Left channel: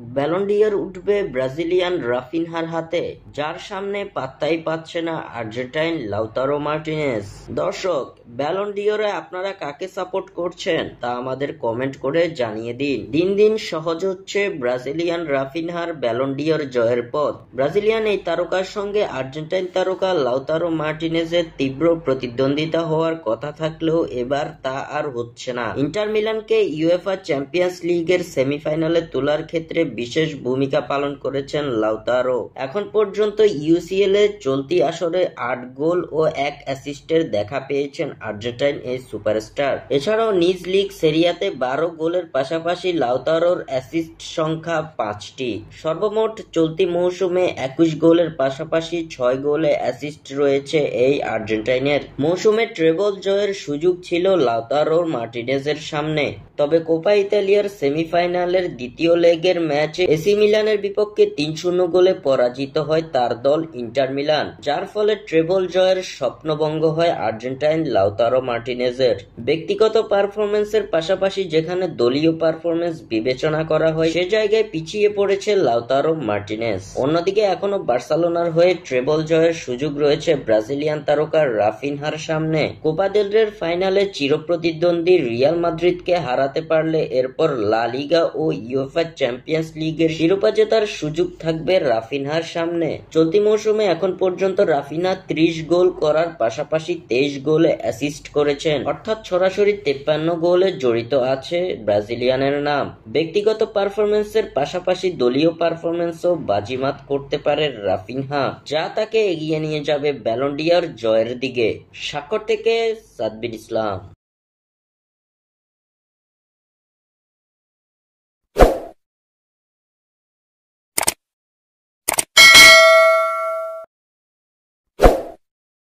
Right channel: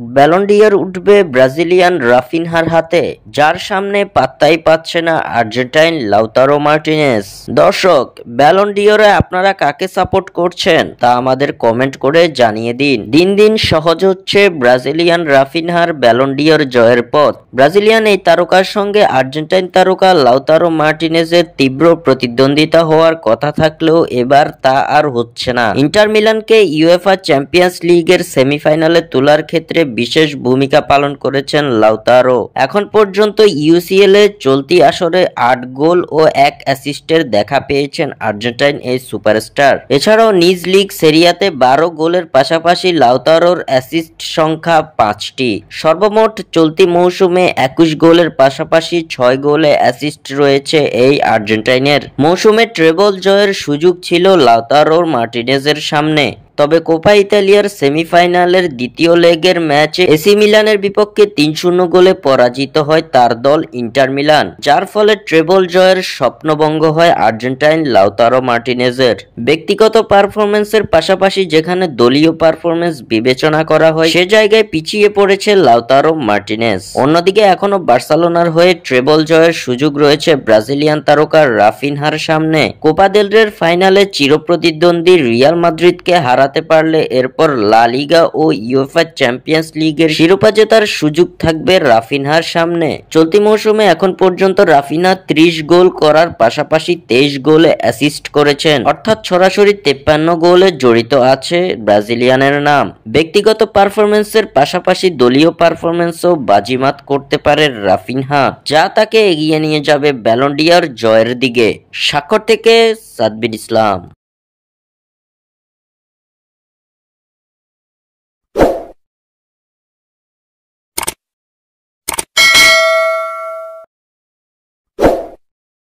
Ballon d'Or উঠবে Brazilian রাফিনহার হাতে, যার সামনে পাত্তাই পাচ্ছে না আর্জেন্টাইন লাউতারো মার্টিনেজ। দর্শক, ব্যালন ডি'অরে আপনারা কাকে সাপোর্ট করছেন তা আমাদের কমেন্ট করে জানিয়ে দিন। দিন দিন সহজ হচ্ছে ব্রাজিলিয়ান রাফিনহার ব্যালন ডি'অর জয়ের পথ। ব্রাজিলিয়ান এই তারকার সঙ্গে আর্জেন্টাইন তারকা লাউতারো মার্টিনেজের তীব্র প্রতিদ্বন্দ্বিতা হওয়ার কথা থাকলেও এবার তা আর হচ্ছে না। ইন্টার মিলানকে ইউএফা চ্যাম্পিয়ন্স লিগের সেমিফাইনালে তোলার ক্ষেত্রে বিশেষ ভূমিকা পালন করেছেন লাউতারো। এখন পর্যন্ত ইউসিএল এ চলতি আসরে 8 গোল ও 1 অ্যাসিস্টের দেখা পেয়েছেন আর্জেন্টাইন এই সুপারস্টার। এছাড়াও নিজ লিগ সেরিয়াতে 12 গোলের পাশাপাশি লাউতারোর অ্যাসিস্ট সংখ্যা 5টি। সর্বমোট চলতি মৌসুমে 21 গোলের পাশাপাশি 6 গোলে অ্যাসিস্ট রয়েছে এই আর্জেন্টাইনের। মৌসুমে ট্রেবল জয়ের সুযোগ ছিল লাউতারো মার্টিনেজের সামনে, তবে কোপা ইতালিয়ার সেমিফাইনালের দ্বিতীয় লেগের ম্যাচে এসি মিলানের বিপক্ষে 3-0 গোলে পরাজিত হয় তার দল ইন্টার মিলান, যার ফলে ট্রেবল জয়ের স্বপ্নভঙ্গ হয় আর্জেন্টাইন লাউতারো মার্টিনেজের। ব্যক্তিগত পারফরম্যান্সের পাশাপাশি যেখানে দলীয় পারফরম্যান্স বিবেচনা করা হয় সে জায়গায় পিছিয়ে পড়েছে লাউতারো মার্টিনেজ। অন্যদিকে এখনো বার্সেলোনার হয়ে ট্রেবল জয়ের সুযোগ রয়েছে ব্রাজিলিয়ান তারকা রাফিনহার সামনে। কোপা দেল রের ফাইনালে চিরপ্রতিদ্বন্দ্বী রিয়াল মাদ্রিদকে হারাতে পারলে এরপর লা লিগা ও ইউএফা চ্যাম্পিয়ন্স লিগের শিরোপা জেতার সুযোগ থাকবে রাফিনহার সামনে। চলতি মৌসুমে এখন পর্যন্ত রাফিনহা 30 গোল করার পাশাপাশি 23 গোলে অ্যাসিস্ট করেছেন, অর্থাৎ সরাসরি 53 গোলে জড়িত আছে ব্রাজিলিয়ানের নাম। ব্যক্তিগত পারফরম্যান্সের পাশাপাশি দলীয় পারফরম্যান্সও বাজিমাত করতে পারে রাফিনহা, যা তাকে এগিয়ে নিয়ে যাবে ব্যালন ডি'অর জয়ের দিকে। স্বাক্ষর থেকে সাদবির ইসলাম।